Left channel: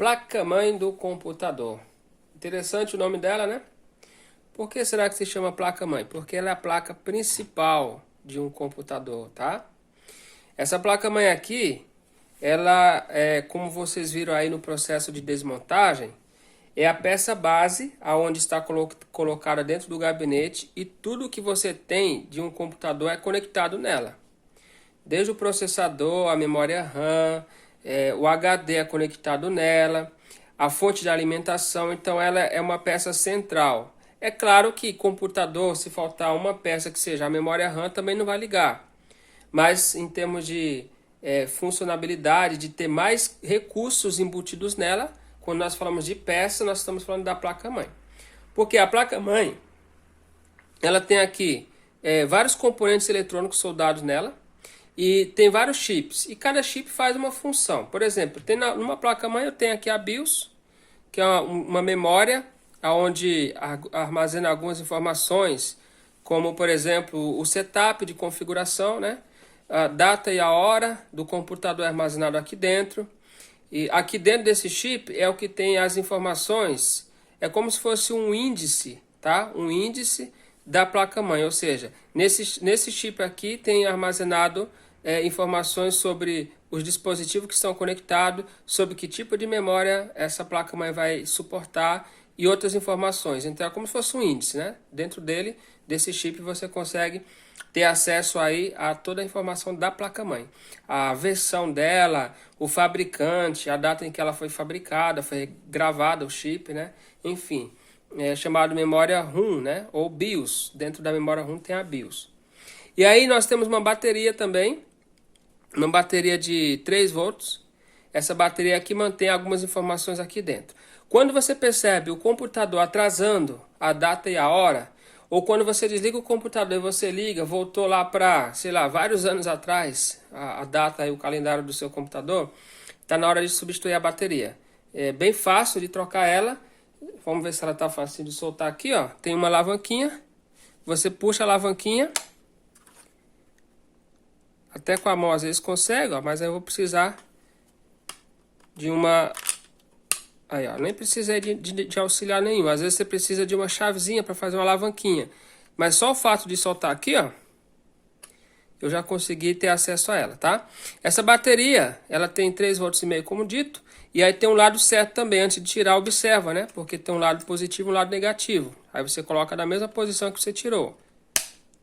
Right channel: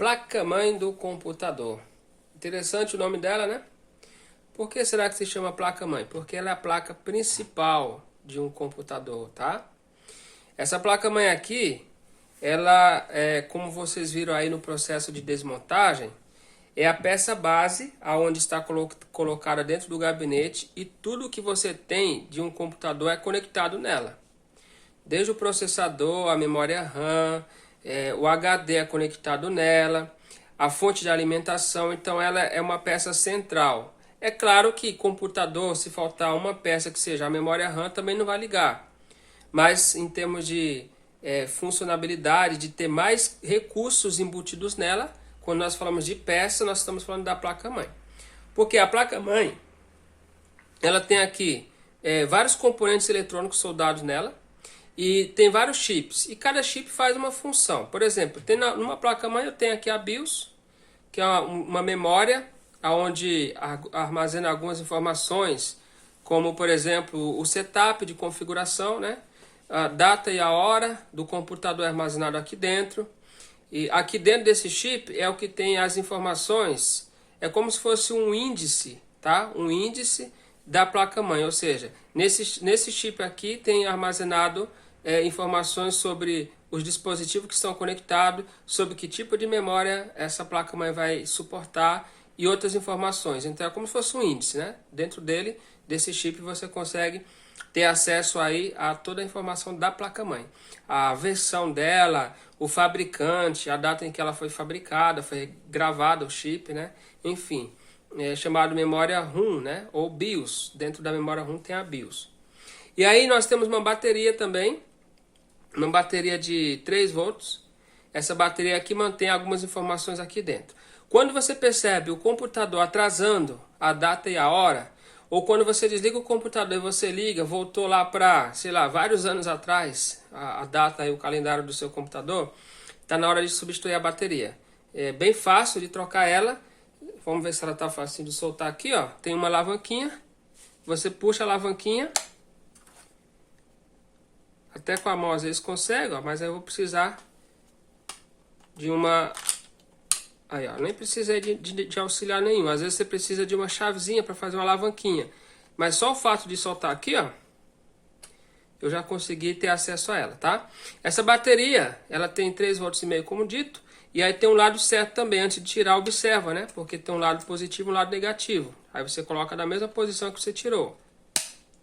Placa-mãe do computador. Interessante o nome dela, né? Por que será que se chama placa-mãe? Porque ela é a placa principal de um computador, tá? Essa placa-mãe aqui, ela é, como vocês viram aí no processo de desmontagem, é a peça base aonde está colocada dentro do gabinete e tudo que você tem de um computador é conectado nela. Desde o processador, a memória RAM, o HD é conectado nela, a fonte de alimentação, então ela é uma peça central. É claro que computador, se faltar uma peça que seja a memória RAM, também não vai ligar. Mas em termos de funcionalidade, de ter mais recursos embutidos nela, quando nós falamos de peça, nós estamos falando da placa-mãe. Porque a placa-mãe, ela tem aqui vários componentes eletrônicos soldados nela, e tem vários chips, e cada chip faz uma função. Por exemplo, numa placa-mãe eu tenho aqui a BIOS, que é uma memória onde armazena algumas informações, como por exemplo o setup de configuração, né? A data e a hora do computador armazenado aqui dentro. E aqui dentro desse chip é o que tem as informações, é como se fosse um índice, tá? Um índice da placa-mãe, ou seja, nesse chip aqui tem armazenado informações sobre os dispositivos que estão conectados, sobre que tipo de memória essa placa-mãe vai suportar e outras informações. Então é como se fosse um índice, né? Dentro dele, desse chip, você consegue ter acesso aí a toda a informação da placa-mãe. A versão dela, o fabricante, a data em que ela foi fabricada, foi gravada o chip, né? Enfim, é chamado memória RAM, né? Ou BIOS. Dentro da memória RAM tem a BIOS. E aí nós temos uma bateria também, uma bateria de 3 volts. Essa bateria aqui mantém algumas informações aqui dentro. Quando você percebe o computador atrasando a data e a hora, ou quando você desliga o computador e você liga, voltou lá para, sei lá, vários anos atrás, a data e o calendário do seu computador, está na hora de substituir a bateria. É bem fácil de trocar ela. Vamos ver se ela está fácil de soltar aqui, ó. Tem uma alavanquinha. Você puxa a alavanquinha. Até com a mão às vezes consegue, ó, mas eu vou precisar de uma... Aí, ó, nem precisei de auxiliar nenhum. Às vezes você precisa de uma chavezinha para fazer uma alavanquinha. Mas só o fato de soltar aqui, ó, eu já consegui ter acesso a ela, tá? Essa bateria, ela tem 3,5 volts, como dito. E aí tem um lado certo também. Antes de tirar, observa, né? Porque tem um lado positivo e um lado negativo. Aí você coloca na mesma posição que você tirou.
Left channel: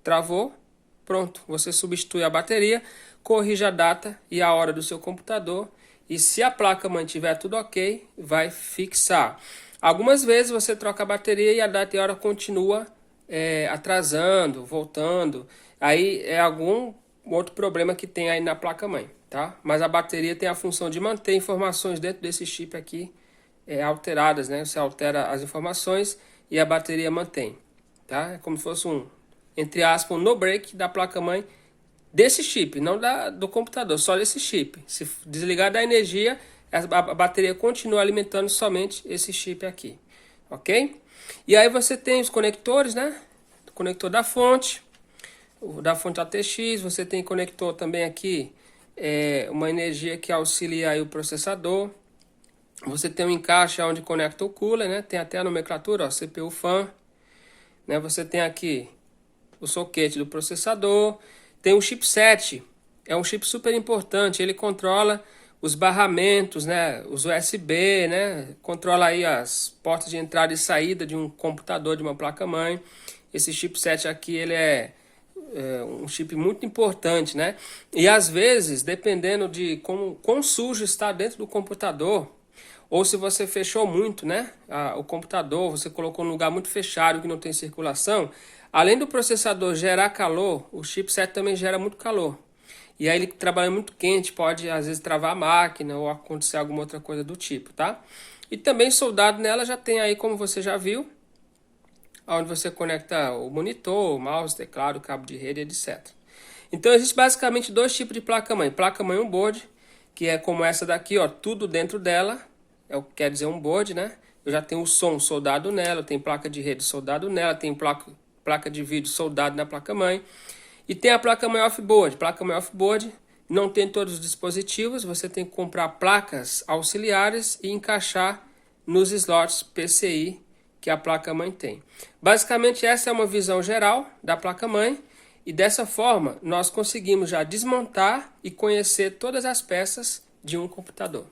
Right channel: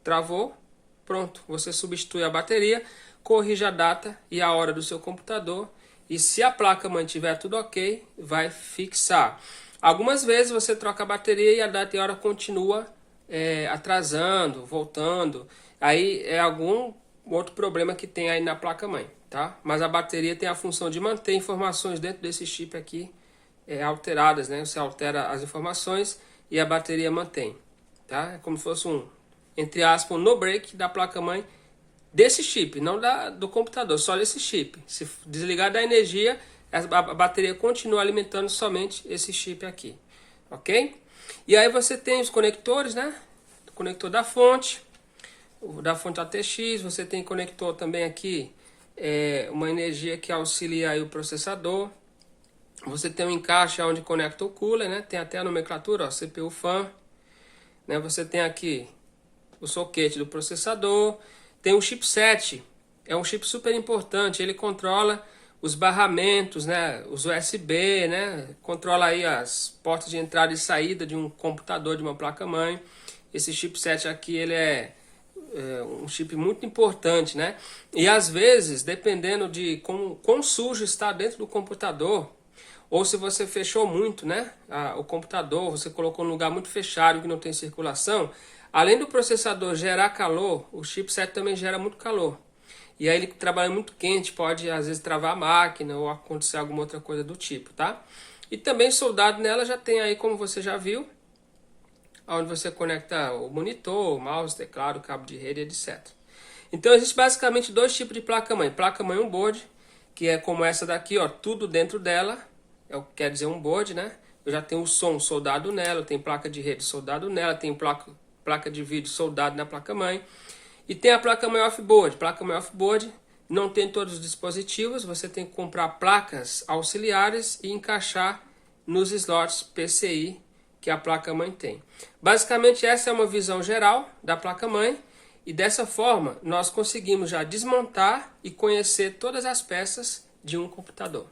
Travou. Pronto, você substitui a bateria, corrige a data e a hora do seu computador e se a placa mantiver tudo ok, vai fixar. Algumas vezes você troca a bateria e a data e a hora continua atrasando, voltando. Aí é algum outro problema que tem aí na placa-mãe, tá? Mas a bateria tem a função de manter informações dentro desse chip aqui alteradas, né? Você altera as informações e a bateria mantém, tá? É como se fosse entre aspas, um no-break da placa-mãe desse chip, não do computador, só desse chip. Se desligar da energia, a bateria continua alimentando somente esse chip aqui, ok? E aí você tem os conectores, né? O conector da fonte, o da fonte ATX, você tem conector também aqui, uma energia que auxilia aí o processador. Você tem um encaixe onde conecta o cooler, né? Tem até a nomenclatura, ó, CPU fan, né? Você tem aqui o soquete do processador, tem o chipset, é um chip super importante, ele controla os barramentos, né, os USB, né, controla aí as portas de entrada e saída de um computador, de uma placa-mãe. Esse chipset aqui, ele é um chip muito importante, né, e às vezes, dependendo de quão sujo está dentro do computador, ou se você fechou muito, né, o computador, você colocou num lugar muito fechado que não tem circulação, além do processador gerar calor, o chipset também gera muito calor. E aí ele trabalha muito quente, pode às vezes travar a máquina ou acontecer alguma outra coisa do tipo, tá? E também soldado nela já tem aí, como você já viu, onde você conecta o monitor, o mouse, teclado, cabo de rede, etc. Então existe basicamente 2 tipos de placa-mãe. Placa-mãe on-board, que é como essa daqui, ó, tudo dentro dela, é o que quer dizer on-board, né? Eu já tenho o som soldado nela, tem placa de rede soldado nela, tem placa de vídeo soldado na placa-mãe. E tem a placa-mãe off-board. Placa-mãe off-board não tem todos os dispositivos, você tem que comprar placas auxiliares e encaixar nos slots PCI que a placa-mãe tem. Basicamente, essa é uma visão geral da placa-mãe, e dessa forma nós conseguimos já desmontar e conhecer todas as peças de um computador.